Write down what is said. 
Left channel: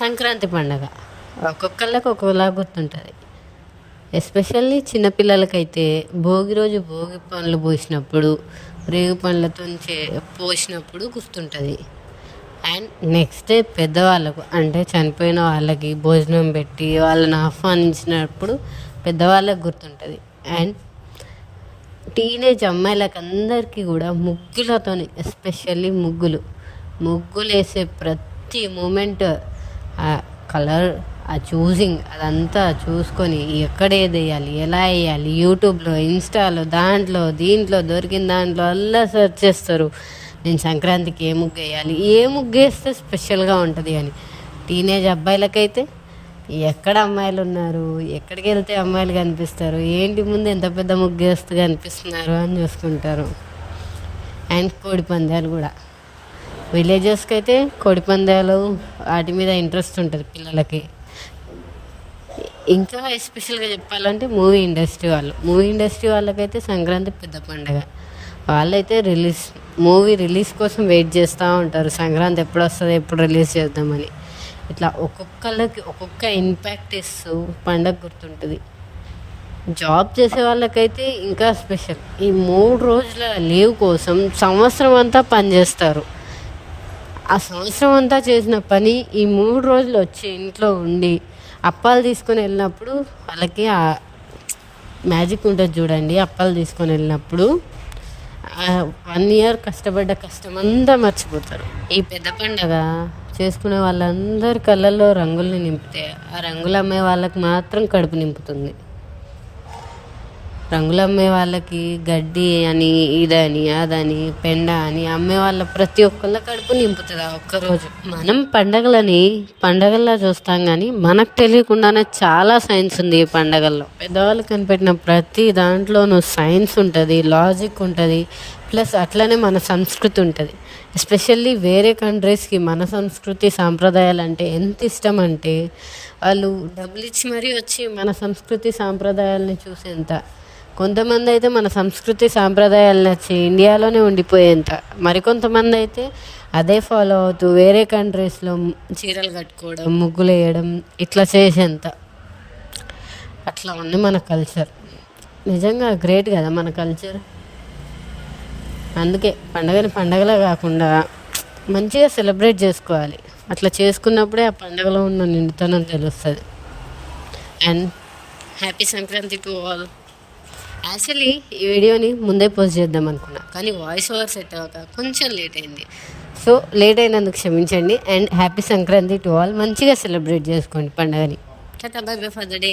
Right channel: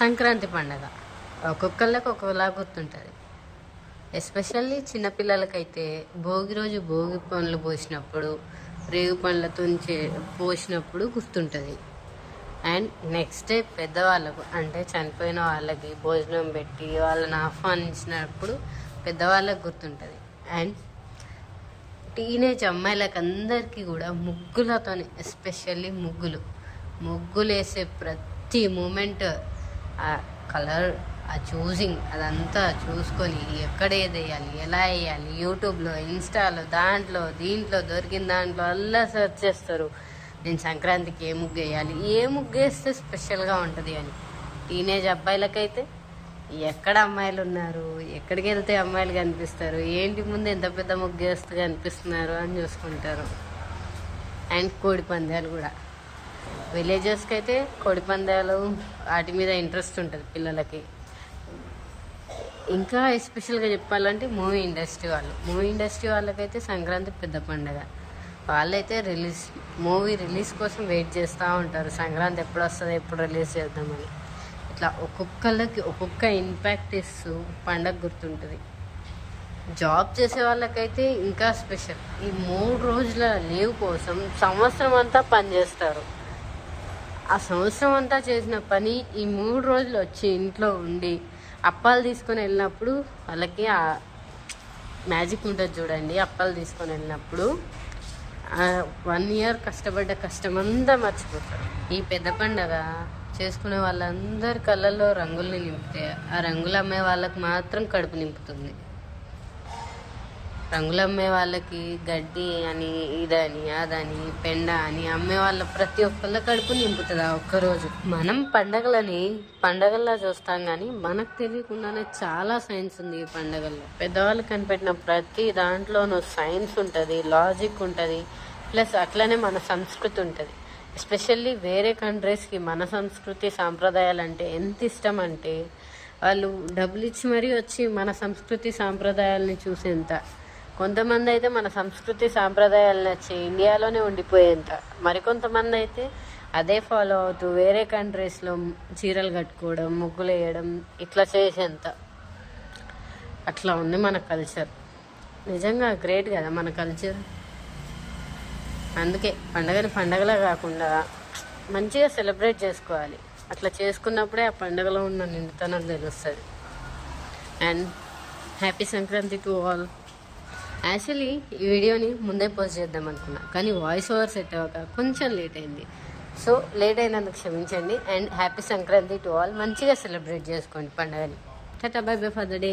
సంక్రాంతి పండగ ఒక్కొక్కళ్ళకి ఒక్కోలా గుర్తుంటుంది. ఎస్పెషల్లీ చిన్నపిల్లలకైతే భోగి రోజు భోగి పండ్లు పోసినప్పుడు, రేగు పండ్లతో పోసినప్పుడు గుర్తుంటుంది. అండ్ నెక్స్ట్ డే పెద్దవాళ్ళకు అంటే చనిపోయిన వాళ్ళకి భోజనం పెట్టి వాళ్ళని ఆహ్వానించినప్పుడు పెద్దవాళ్ళకు గుర్తుంటుంది. అండ్ టీనేజ్ అమ్మాయిలకు అందరికీ కూడా ముగ్గులతోని, ఎస్పెషల్లీ ముగ్గులు వేసే ప్రతి మూమెంట్, ఆ కలర్, ఆ చూసింగ్ అదంతా చూసుకొని ఎక్కడ ఏది వేయాలి, ఎలా వేయాలి, యూట్యూబ్లో, ఇన్స్టాలో, దీంట్లో దొరికిన దాంట్లో అలా సెర్చ్ చేస్తారు. నేను సంక్రాంతికి ఏ ముగ్గు వేయాలి, ఏ ముగ్గు వేస్తే స్పెషల్గా ఉంటుంది అని. టీనేజ్ అబ్బాయిలకైతే ఎక్కడ అమ్మాయిలు ఉన్నారు, ఎక్కడికి వెళ్తే అమ్మాయిలు కనిపిస్తారు, ఏంటి ముందు ఎంత పెద్ద ముగ్గు వేస్తే కనిపిస్తున్నారు అని చూసుకుంటారు. అండ్ కోడి పందాలు కూడా విలేజెస్కి అయితే కోడి పందాలు వాటి మీద ఇంట్రెస్ట్ ఉంటుంది పిల్లలకి. ఇంకా ఎస్పెషల్గా చెప్పాలంటే మూవీ ఇండస్ట్రీ వాళ్ళకైతే సంక్రాంతి పెద్ద పండుగ. వాళ్ళైతే మూవీ రిలీజ్ కోసం వెయిట్ చేస్తూ ఉంటారు. సంక్రాంతి ఎప్పుడు వస్తుంది, ఎప్పుడు రిలీజ్ చేద్దామని. ఇట్లా ఒక్కొక్కళ్ళకి ఒక్కొక్క ఇంపాక్ట్ ఇస్తూ పండగ గుర్తుంటుంది. జాబ్ చేసే వాళ్ళకైతే ఇంకా స్పెషల్. ఈ 3 రోజుల లీవ్ కోసం సంవత్సరం అంతా పనిచేస్తారు. ఆ సంవత్సరం అంతా చేసిన పని ఈ 3 రోజులు వచ్చి ఇంట్లో ఉండి అప్పాలు తీసుకొని వెళ్ళినప్పుడు వాళ్ళకి ఆ మ్యాజిక్ ఉంటుంది చూడండి. అప్పాలు తీసుకొని వెళ్ళినప్పుడు 1 year కష్టపడ్డ కష్టమంతా మర్చిపోతారు. ఈ పెద్ద పండగ చేసుకునే వాళ్ళందరి కళ్ళల్లో రంగుల్ని నింపితే ఆ రంగులు అమ్మే వాళ్ళకి మాత్రం కడుపు నింపుతుంది. రంగులు అమ్మే వాళ్ళకి గడ్డి అని, ఇదని, అదని, పెండ అని అమ్మే వాళ్ళ ప్రతి ఒక్కళ్ళ కడుపు నింపుతుంది ఆ ఒక్కరోజు. మనం పండగల్లా చూస్తాం, కానీ మనకు తెలియకుండానే చాలా సైన్స్ ఉంది ఈ పండగల్లో. పెద్దవాళ్ళు కనిపెట్టిన ప్రతి దాంట్లోనూ సైన్స్ ఉంటుంది, లాజిక్ ఉంటుంది, ప్లస్ అట్లనే మన సంస్కృతి ఉంటుంది. ఎస్పెషల్లీ వేరే కంట్రీస్కి మన సంస్కృతి సాంప్రదాయాలు అంటే ఎంత ఇష్టం అంటే వాళ్ళు డబ్బులు ఇచ్చి మరీ వచ్చి మన సంస్కృతి సాంప్రదాయాలని చూసేంత. కొంతమంది అయితే మన సంస్కృతి సాంప్రదాయాలు నచ్చి ఇండియాలోనే ఉండిపోయేంత. మరికొంతమంది అయితే అదే ఫాలో అవుతూ వేరే కంట్రీస్లో చీరలు కట్టుకోవడం, ముగ్గులు వేయడం ఇట్లా చేసేంత. అట్లా ఉంది మన కల్చర్. నిజంగా గ్రేట్ కదా మన కల్చర్. అందుకే పండగలా కాకుండా మంచిగా సెలబ్రేట్ చేసుకోవాలి. అట్లా చేసుకున్నప్పుడే ఆ పండగలో ఉన్న నిండుతనం తెలుస్తుంది. And happy Sankranti to all. Actually ఈ వీడియోని ముందే పోస్ట్ చేద్దాం అనుకున్నా, కానీ వాయిస్ ఓవర్ సెట్ అవ్వక కొంచెం లేట్ అయింది. సో లేట్ అయినందుకు క్షమించండి. And happy Sankranti to all. మంచిగా సెలబ్రేట్ చేసుకోండి పండుగని. Tata, by by for the day.